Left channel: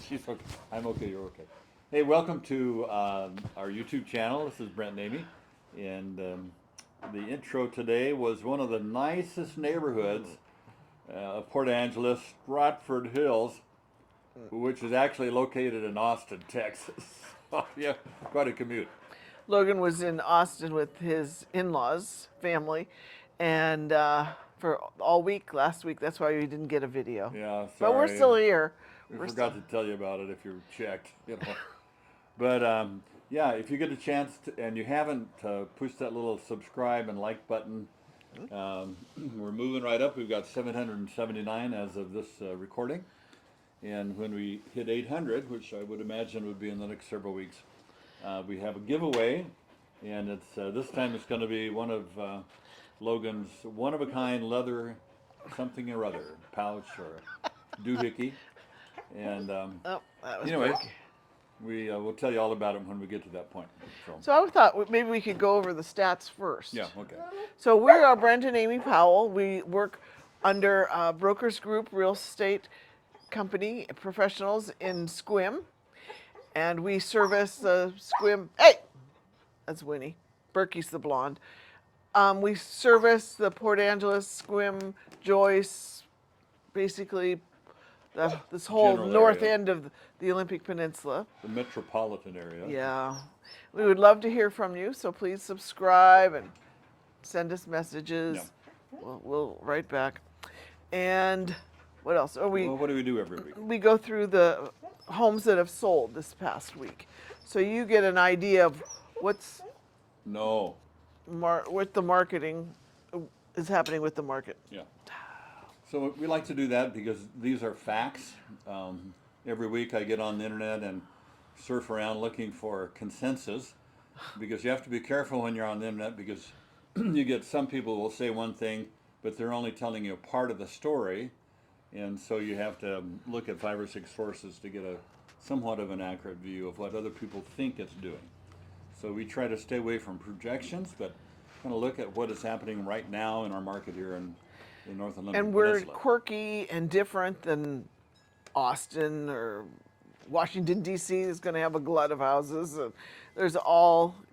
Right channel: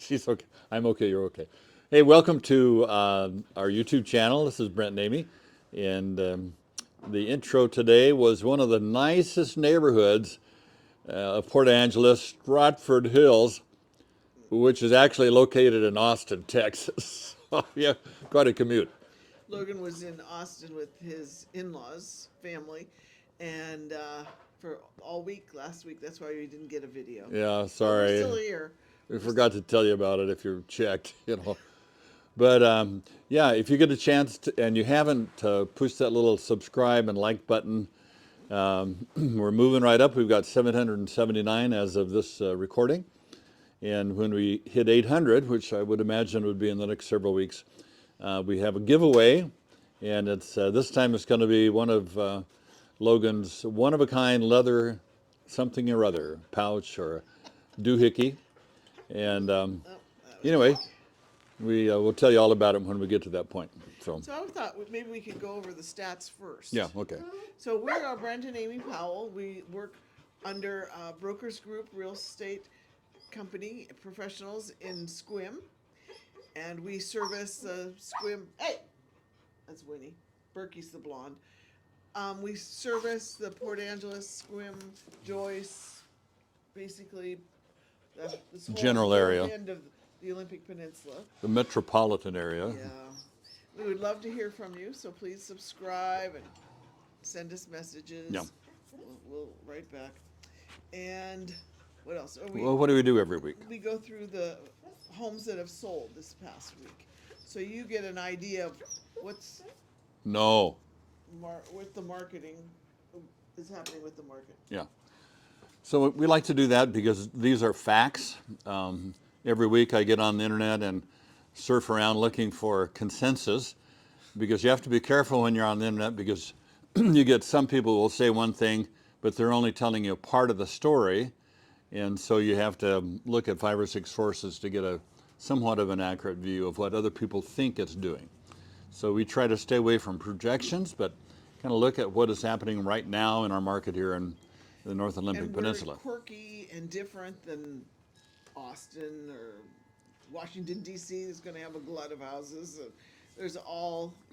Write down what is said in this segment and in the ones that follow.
She's okay. I'm okay. You're okay. Hey, welcome to our YouTube channel. This is Brent and Amy, and the intro today was one of the nicest neighborhoods of Port Angeles, Stratford Hills, which is actually located in Austin, Texas. Yeah, quite a commute. Logan was in Austin with his in-laws, family, and for all week last week. That's why we didn't get a video. Yeah, But sorry. we're still here. We forgot to tell you about it if you checked, But yeah, if you get a chance to, and you haven't, push that little subscribe and like button. We're moving right up. We've got 779 as of this recording. And when we hit 800, which I would imagine would be in the next several weeks, we have a giveaway. And it's this time it's going to be one of Logan's one-of-a-kind leather something or other pouch or doohickey. And Oh, that was anyway, quick. we will tell you all about it when we get to that point. So I thought maybe we could go over the stats first. Yeah, okay. So we are Brent and Amy Powell. We work under BrokersGroup Real Estate Company professionals in Sequim, and we service the Sequim. Hey, that's Winnie. Berkey's the blonde. We service the Port Angeles, Sequim, Joyce, basically this whole General north area. end of the Olympic Peninsula. The metropolitan area. Yeah. We would love to hear from you, so please subscribe and send us messages. Yeah. We'll write back. And what else? Oh, Well, what do we do every week? we go through the homes that have sold this past week. So you get an idea of what's No. what the marketing is happening with the market. Yeah. So we like to do that because these are facts. Every week I get on the internet and surf around looking for consensus, because you have to be careful when you're on the internet, because you get some people who will say one thing, but they're only telling you a part of the story. And so you have to look at 5 or 6 sources to get a somewhat of an accurate view of what other people think it's doing. So we try to stay away from projections, but kind of look at what is happening right now in our market here in the North Olympic And we're Peninsula. quirky and different than Austin or Washington, D.C. is going to have a glut of houses. There's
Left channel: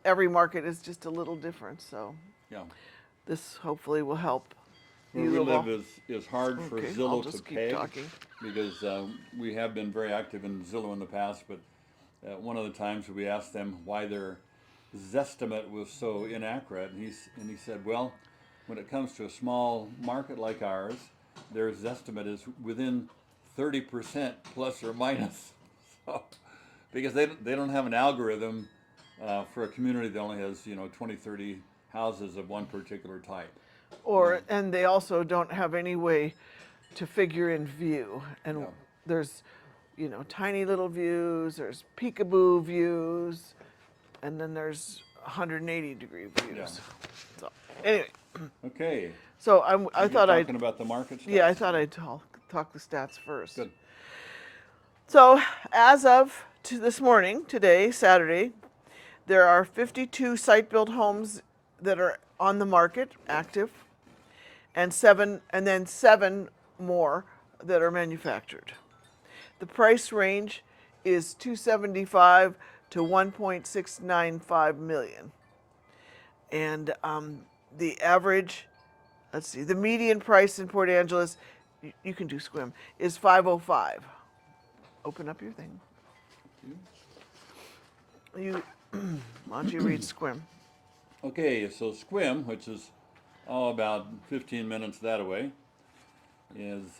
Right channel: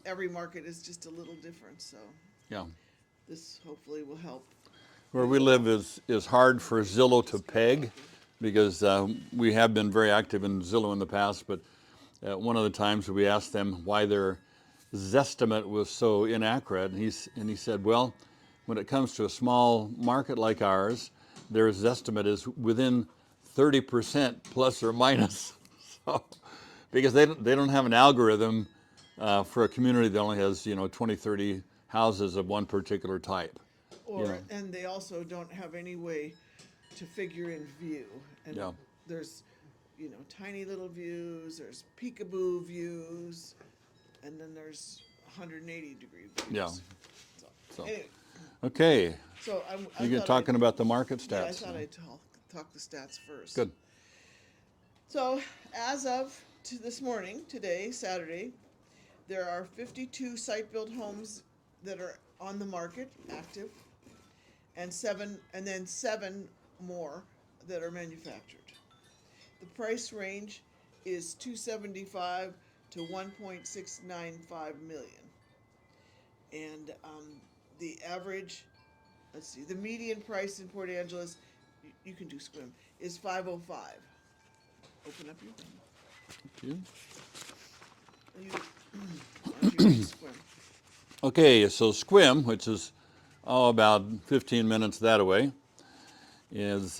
every market is just a little different. So Yeah. this hopefully will help. Where you we a live little. is hard for Okay, I'll Zillow to just keep peg, talking. because we have been very active in Zillow in the past, but one of the times we asked them why their Zestimate was so inaccurate, and he said, well, when it comes to a small market like ours, their Zestimate is within 30% plus or minus. So, because they don't have an algorithm for a community that only has 20, 30 houses of one particular type. And they also don't have any way to figure in view. And Yeah. there's, tiny little views, there's peekaboo views, and then there's 180-degree views. Yeah. So anyway, Okay. so I You thought I'd talking about the market stats? yeah, I thought I'd talk the stats first. Good. So as of this morning, today, Saturday, there are 52 site-built homes that are on the market, active, and then seven more that are manufactured. The price range is $275 to $1.695 million, and the average, the median price in Port Angeles, you can do Sequim, is $505. Open up your thing. You, why don't you read Sequim? Okay, so Sequim, which is about 15 minutes that away, is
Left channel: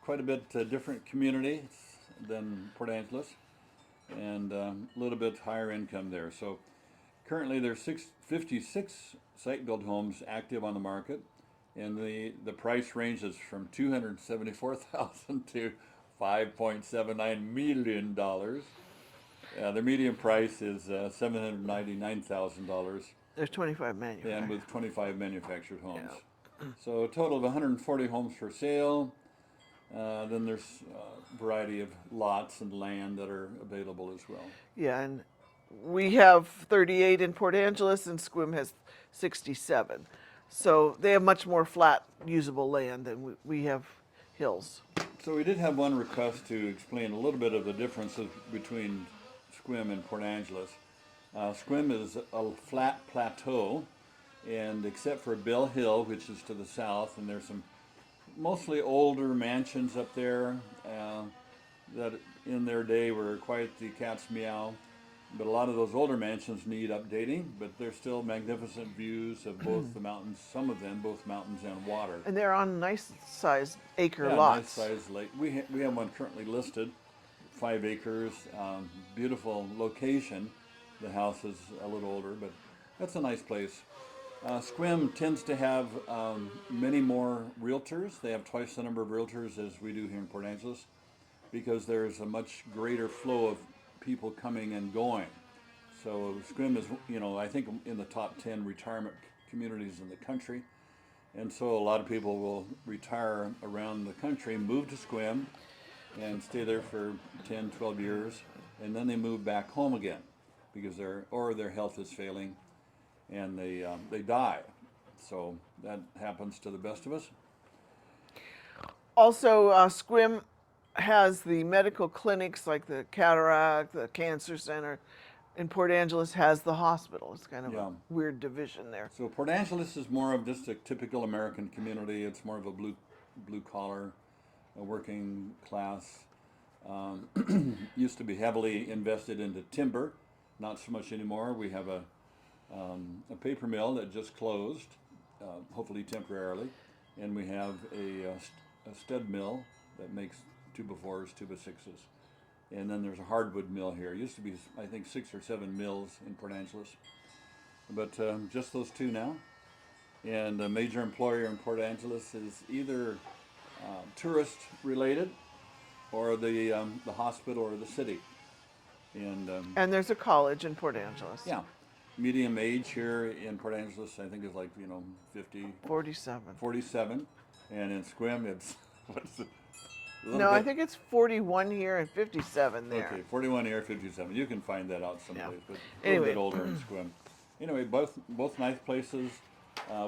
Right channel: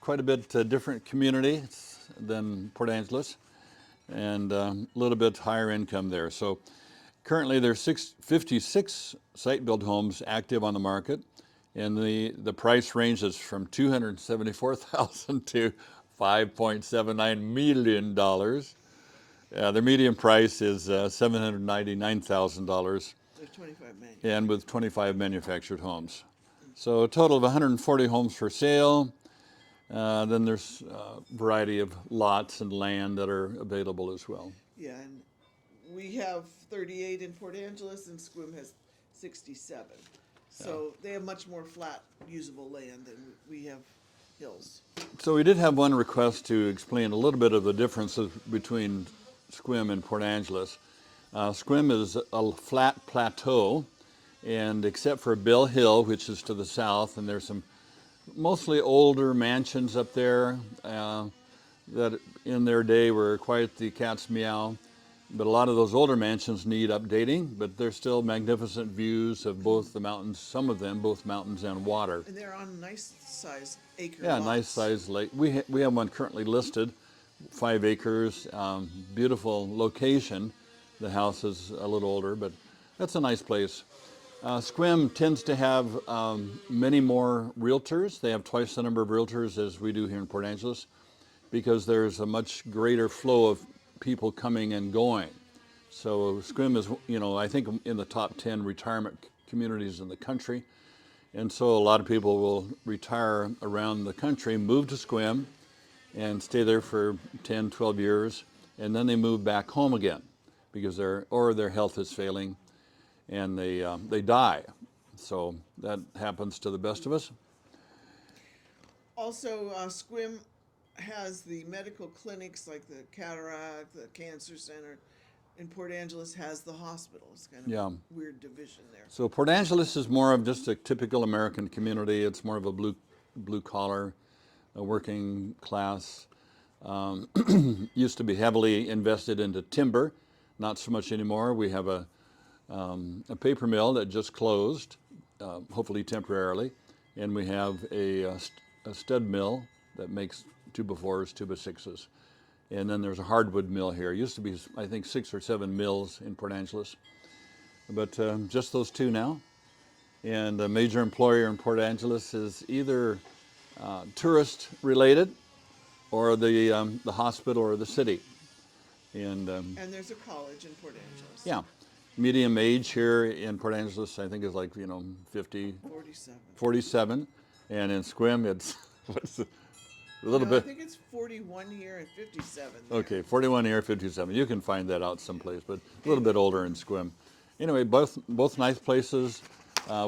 quite a bit different community than Port Angeles, and a little bit higher income there. So currently there's 56 site-built homes active on the market, and the price ranges from $274,000 to $5.79 million. The median price is $799,000, There's 25 and manufacturers. with 25 manufactured homes. So a total of 140 homes for sale. Then there's a variety of lots and land that are available as well. Yeah, and we have 38 in Port Angeles, and Sequim has 67. So they have much more flat, usable land than we have hills. So we did have one request to explain a little bit of the differences between Sequim and Port Angeles. Sequim is a flat plateau, and except for Bill Hill, which is to the south, and there's some mostly older mansions up there that in their day were quite the cat's meow. But a lot of those older mansions need updating, but they're still magnificent views of both the mountains, some of them, both mountains and water. And they're on nice sized acre Yeah, lots. nice sized lake. We have one currently listed, 5 acres, beautiful location. The house is a little older, but that's a nice place. Sequim tends to have many more realtors. They have twice the number of realtors as we do here in Port Angeles, because there's a much greater flow of people coming and going. So Sequim is, I think in the top 10 retirement communities in the country. And so a lot of people will retire around the country, move to Sequim, and stay there for 10, 12 years, and then they move back home again because their health is failing, and they die. So that happens to the best of us. Also, Sequim has the medical clinics like the cataract, the cancer center. And Port Angeles has the hospital. It's kind of a weird division there. So Port Angeles is more of just a typical American community. It's more of a blue collar, a working class. Used to be heavily invested into timber, not so much anymore. We have a paper mill that just closed, hopefully temporarily, and we have a stud mill that makes 2x4s, 2x6s. And then there's a hardwood mill here. It used to be, I think, 6 or 7 mills in Port Angeles, but just those 2 now. And a major employer in Port Angeles is either tourist related, or the hospital or the city. And there's a college in Port Angeles. yeah, medium age here in Port Angeles, I think, is like 50, 47, and in Sequim it's what's a little bit. I think it's 41 here and 57 there. Okay, 41 here, 57. You can find that out someplace, but a little Anyway. bit older in Sequim. Anyway, both nice places.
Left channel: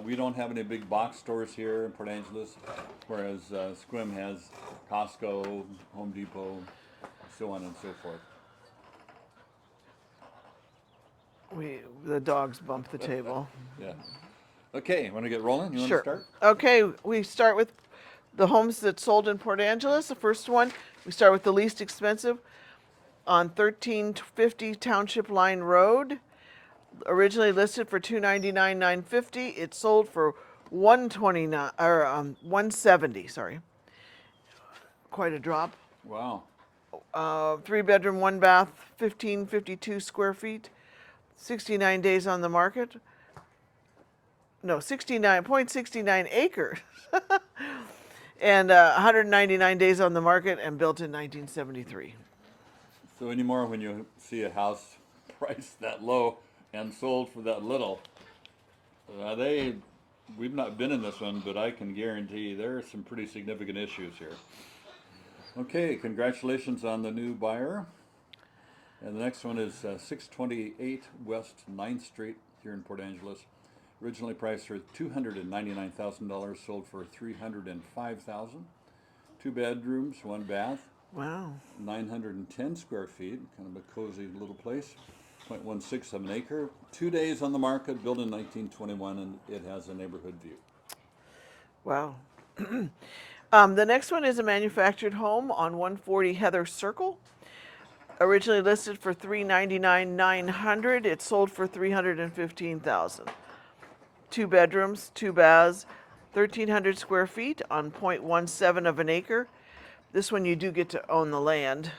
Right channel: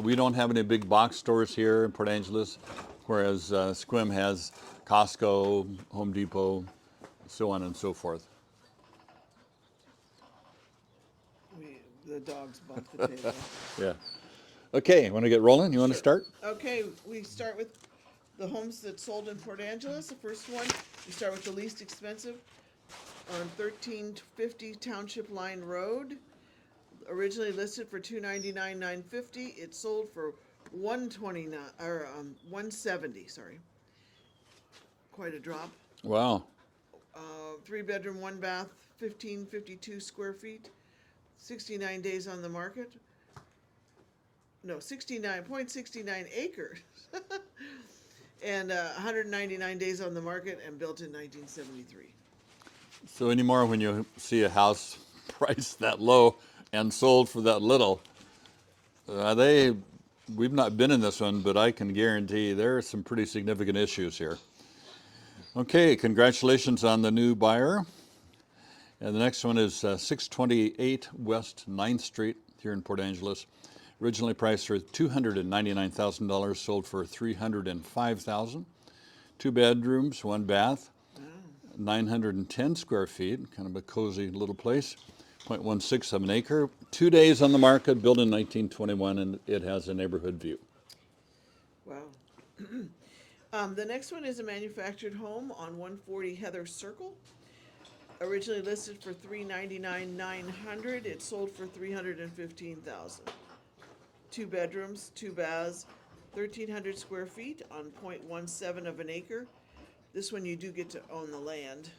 We don't have any big box stores here in Port Angeles, whereas Sequim has Costco, Home Depot, so on and so forth. The dogs bumped the table. Yeah. Okay, want to get rolling? You want to start? Okay, we start with the homes that sold in Port Angeles. The first one, we start with the least expensive on 1350 Township Line Road. Originally listed for $299,950. It sold for $129 or $170. Sorry, quite a drop. Wow. 3-bedroom, 1-bath, 1552 square feet. 69 days on the market. No, 69.69 acres. And 199 days on the market, and built in 1973. So anymore, when you see a house priced that low and sold for that little, we've not been in this one, but I can guarantee there are some pretty significant issues here. Okay, congratulations on the new buyer. And the next one is 628 West 9th Street here in Port Angeles. Originally priced for $299,000, sold for $305,000. 2 bedrooms, 1 bath. Wow. 910 square feet, kind of a cozy little place. 0.16 of an acre. 2 days on the market, built in 1921, and it has a neighborhood view. Wow. The next one is a manufactured home on 140 Heather Circle. Originally listed for $399,900. It sold for $315,000. 2 bedrooms, 2 baths, 1,300 square feet on 0.17 of an acre. This one you do get to own the land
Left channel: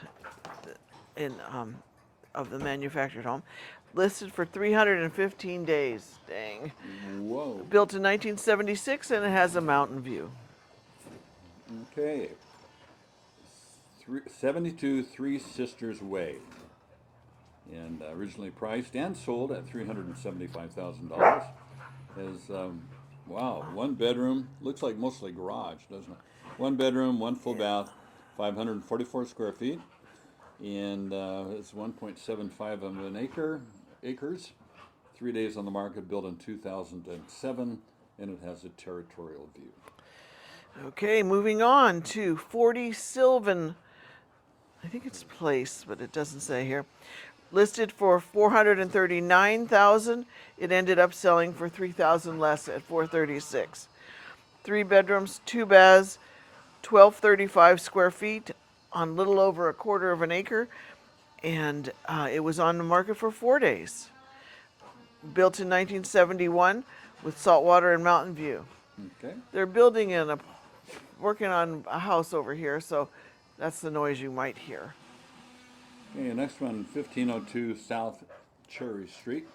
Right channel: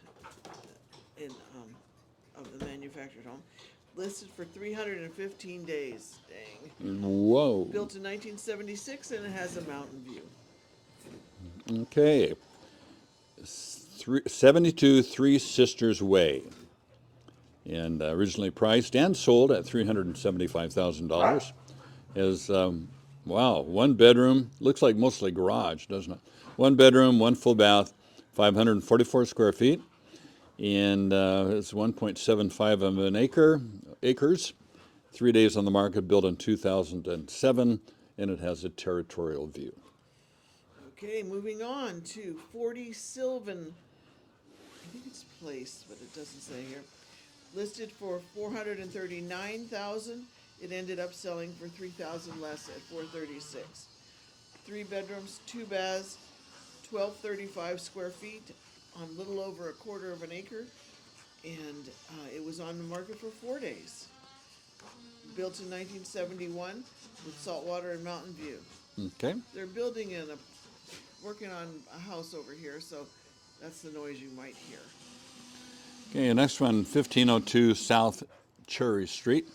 of the manufactured home. listed for 315 days. Dang. Whoa. Built in 1976, and it has a mountain view. Okay. 72 Three Sisters Way. And originally priced and sold at $375,000. Is, wow, one bedroom. Looks like mostly garage, doesn't it? One bedroom, one full bath, 544 square feet. And it's 1.75 of an acres. 3 days on the market, built in 2007, and it has a territorial view. Okay, moving on to 40 Sylvan. I think it's Place, but it doesn't say here. Listed for 439,000. It ended up selling for 3,000 less at 436. 3 bedrooms, 2 baths, 1235 square feet on little over a quarter of an acre, and it was on the market for 4 days. Built in 1971 with saltwater and mountain view. Okay. They're working on a house over here, so that's the noise you might hear. Okay, next one, 1502 South Cherry Street.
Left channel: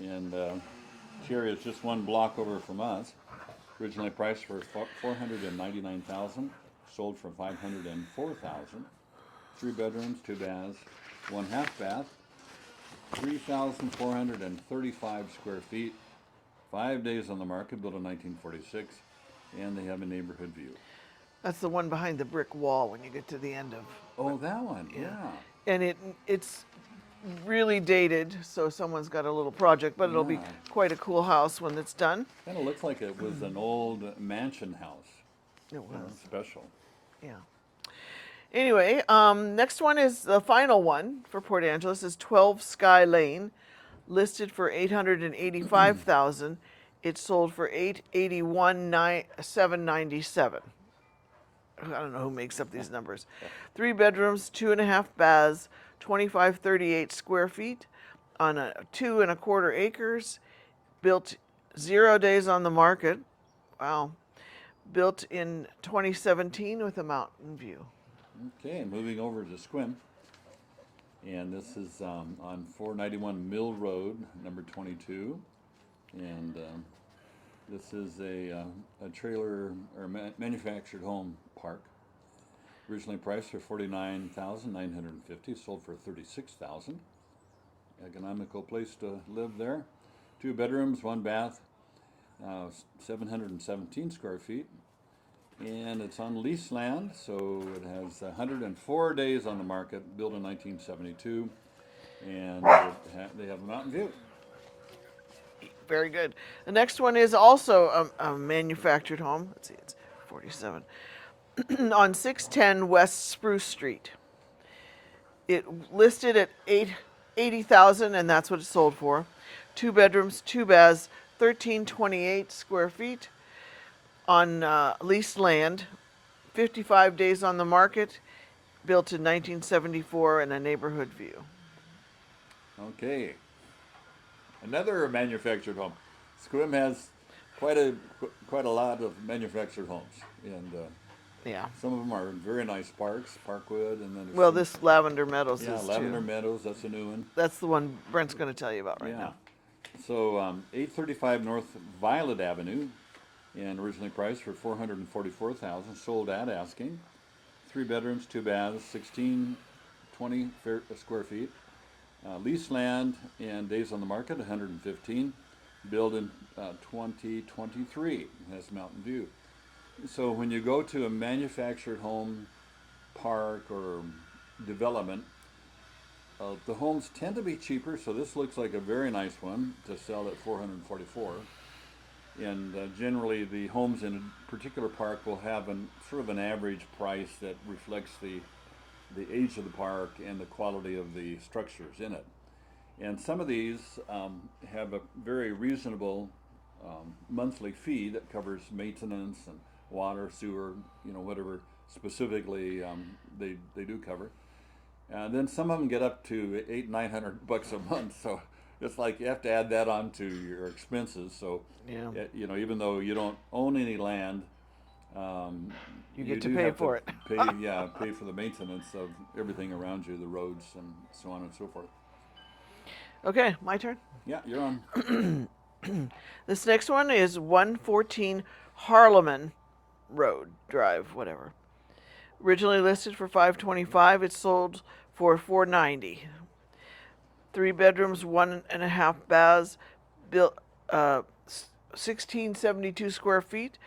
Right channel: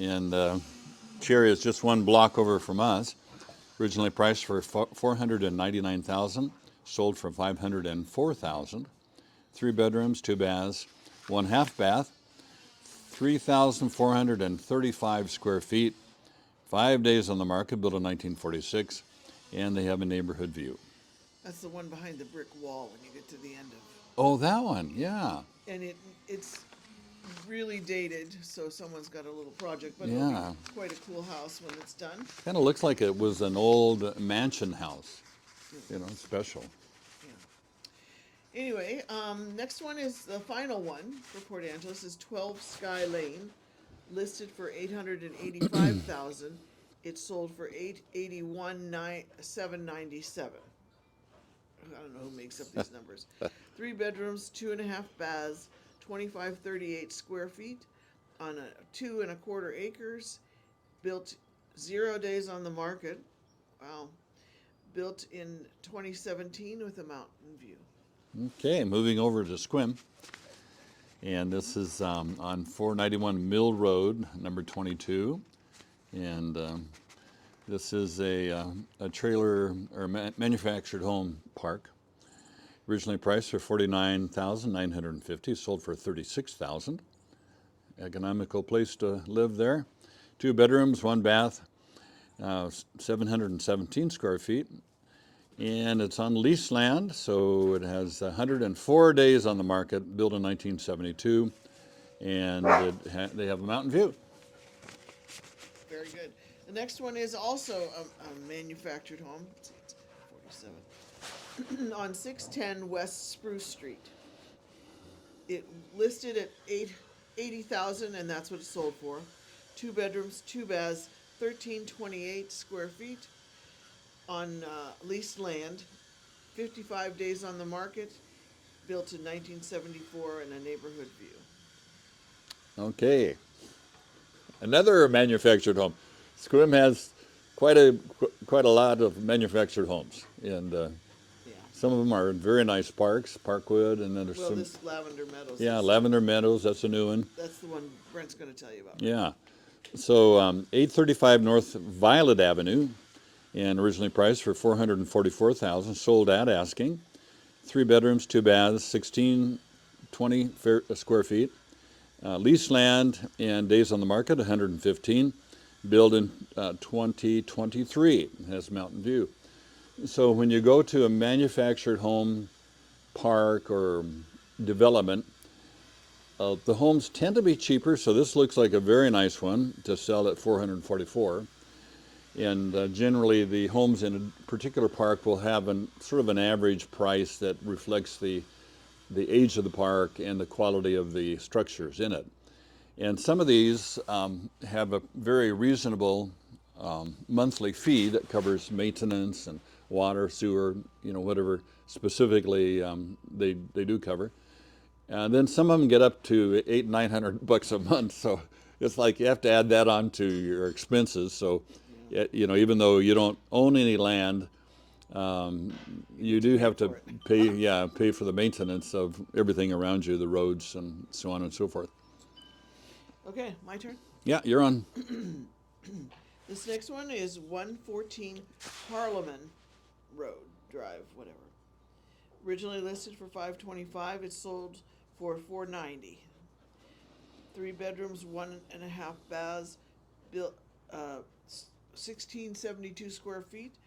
And Cherry is just one block over from us. Originally priced for $499,000, sold for $504,000. 3 bedrooms, 2 baths, 1 half bath, 3,435 square feet. 5 days on the market, built in 1946, and they have a neighborhood view. That's the one behind the brick wall when you get to the end of. Oh, that one, yeah. And it's really dated, so someone's got a little project, but it'll be Yeah. quite a cool house when it's done. Kind of looks like it was an old mansion house. It You know, was, special. yeah. Anyway, next one is the final one for Port Angeles is 12 Sky Lane, listed for 885,000. It sold for 881,797. I don't know who makes up these numbers. 3 bedrooms, 2.5 baths, 2538 square feet on 2.25 acres. Built 0 days on the market. Wow. Built in 2017 with a mountain view. Okay, moving over to Sequim. And this is on 491 Mill Road, number 22. And this is a trailer or manufactured home park. Originally priced for $49,950, sold for $36,000. Economical place to live there. 2 bedrooms, 1 bath, 717 square feet. And it's on leased land, so it has 104 days on the market, built in 1972, and they have a mountain view. Very good. The next one is also a manufactured home. Let's see, it's 47. On 610 West Spruce Street. It listed at 80,000, and that's what it sold for. 2 bedrooms, 2 baths, 1328 square feet on leased land. 55 days on the market. Built in 1974 and a neighborhood view. Okay. Another manufactured home. Sequim has quite a lot of manufactured homes, and Yeah. some of them are very nice parks, Parkwood, and then there's Well, some, this Lavender Meadows. yeah, is Lavender too. Meadows. That's a new one. That's the one Brent's going to tell you about, right? Yeah. So 835 North Violet Avenue, and originally priced for $444,000, sold at asking. 3 bedrooms, 2 baths, 1620 square feet. Leased land and days on the market 115. Built in 2023. Has mountain view. So when you go to a manufactured home park or development, the homes tend to be cheaper. So this looks like a very nice one to sell at $444. And generally, the homes in a particular park will have sort of an average price that reflects the age of the park and the quality of the structures in it. And some of these have a very reasonable monthly fee that covers maintenance and water, sewer, whatever specifically they do cover. And then some of them get up to $800-900 a month. So it's like you have to add that on to your expenses. So, Yeah. even though you don't own any land, you do have to pay for the maintenance of everything around you, the roads and so on and so forth. Okay, my turn. Yeah, you're on. This next one is 114 Harleman Road Drive, whatever. Originally listed for 525, it sold for 490. 3 bedrooms, 1.5 baths, built 1672 square feet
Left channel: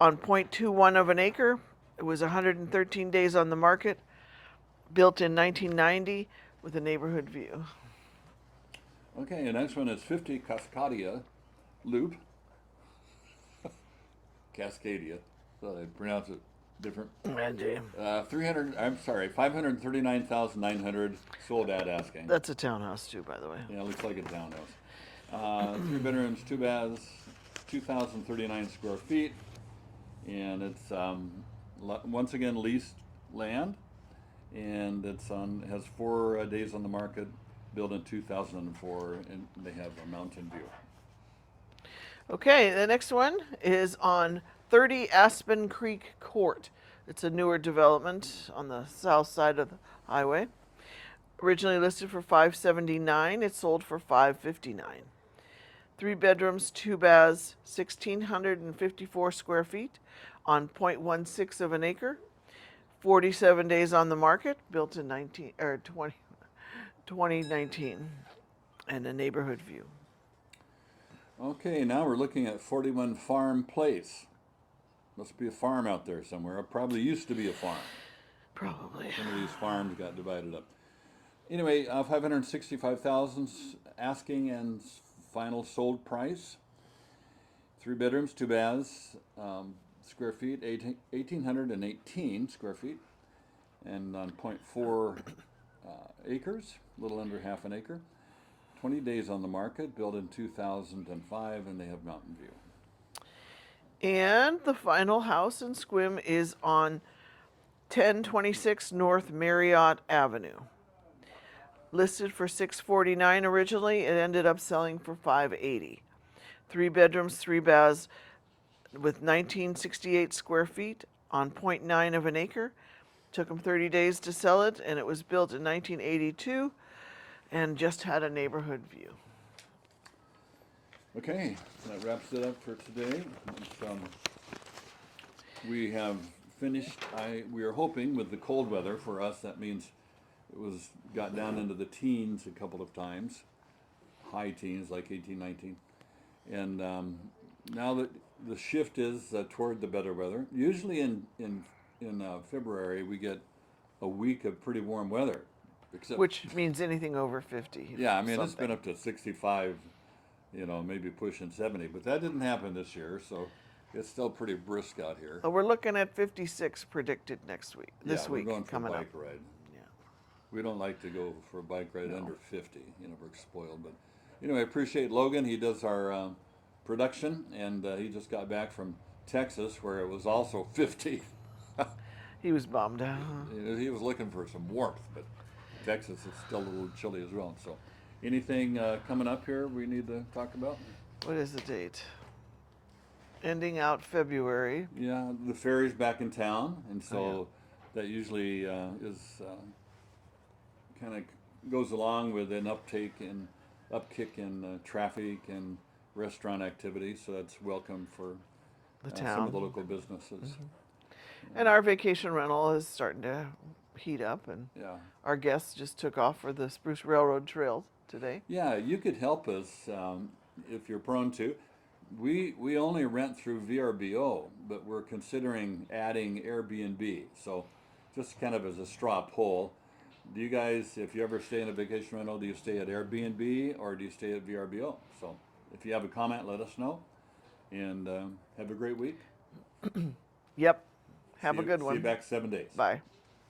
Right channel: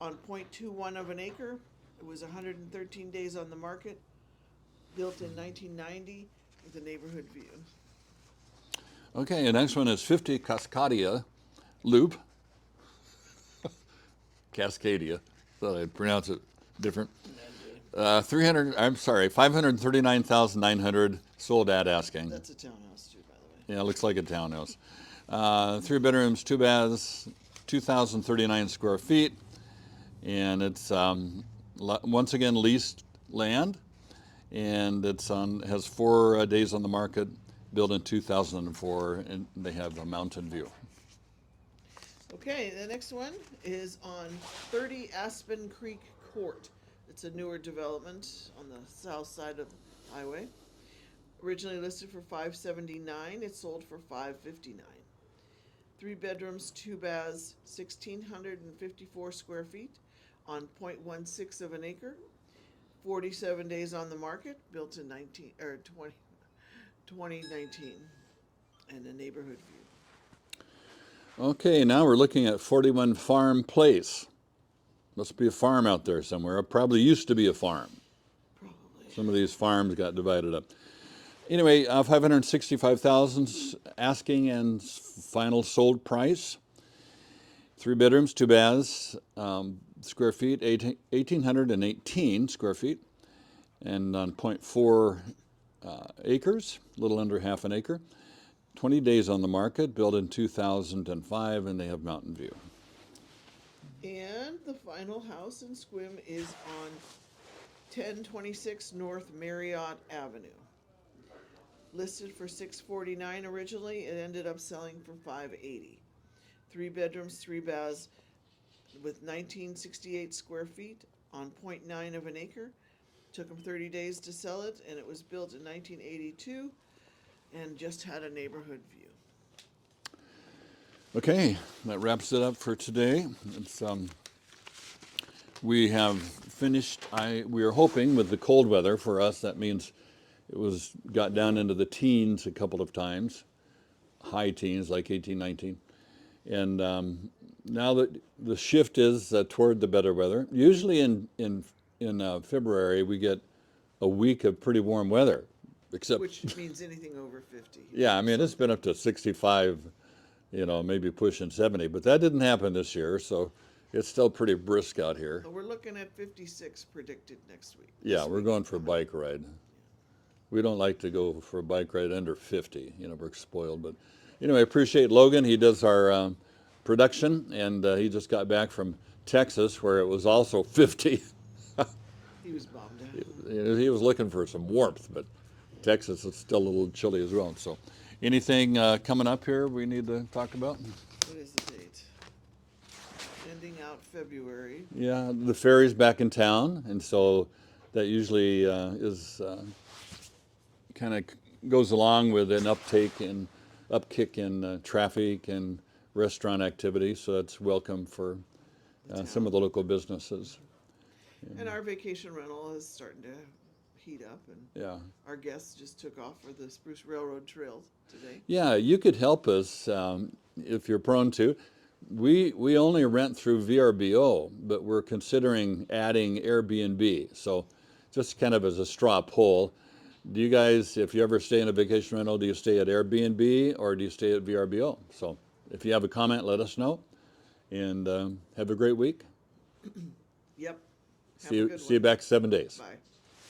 on 0.21 of an acre. It was 113 days on the market, built in 1990 with a neighborhood view. Okay, the next one is 50 Cascadia Loop. Cascadia. Thought I'd pronounce it different. 539,900 sold at asking. That's a townhouse too, by the way. Yeah, it looks like a townhouse. 3 bedrooms, 2 baths, 2,039 square feet, and it's once again leased land, and it's has 4 days on the market, built in 2004, and they have a mountain view. Okay, the next one is on 30 Aspen Creek Court. It's a newer development on the south side of the highway. Originally listed for 579, it sold for 559. 3 bedrooms, 2 baths, 1,654 square feet on 0.16 of an acre. 47 days on the market, built in 2019, and a neighborhood view. Okay, now we're looking at 41 Farm Place. Must be a farm out there somewhere. It probably used to be a farm. Probably. Some of these farms got divided up. Anyway, 565,000 asking and final sold price. 3 bedrooms, 2 baths, square feet, 1,818 square feet, and on 0.4 acres, a little under half an acre. 20 days on the market, built in 2005, and they have mountain view. And the final house in Sequim is on 1026 North Marriott Avenue. Listed for 649 originally, it ended up selling for 580. 3 bedrooms, 3 baths with 1968 square feet on 0.9 of an acre. Took them 30 days to sell it, and it was built in 1982 and just had a neighborhood view. Okay, that wraps it up for today. We have finished. We are hoping with the cold weather for us. That means it got down into the teens a couple of times, high teens like 18, 19, and now that the shift is toward the better weather. Usually in February we get a week of pretty warm weather, except Which means anything over 50. yeah, I mean it's been up to 65. Maybe pushing 70, but that didn't happen this year, so it's still pretty brisk out here. So we're looking at 56 predicted next week. Yeah, we're going for a bike ride. Yeah. We don't like to go for a bike ride under 50. We're spoiled. But anyway, I appreciate Logan. He does our production, and he just got back from Texas where it was also 50. He was bummed out. He was looking for some warmth, but Texas is still a little chilly as well. So anything coming up here we need to talk about? What is the date? Ending out February. Yeah, the ferry's back in town, and so that usually is kind of goes along with an upkick in traffic and restaurant activity. So that's welcome for some of the local businesses. And our vacation rental is starting to heat up, and Yeah. our guests just took off for the Spruce Railroad Trail today. Yeah, you could help us if you're prone to. We only rent through VRBO, but we're considering adding Airbnb. So just kind of as a straw poll, do you guys, if you ever stay in a vacation rental, do you stay at Airbnb or do you stay at VRBO? So if you have a comment, let us know. And have a great week. Yep. Have a good one. See you back 7 days. Bye.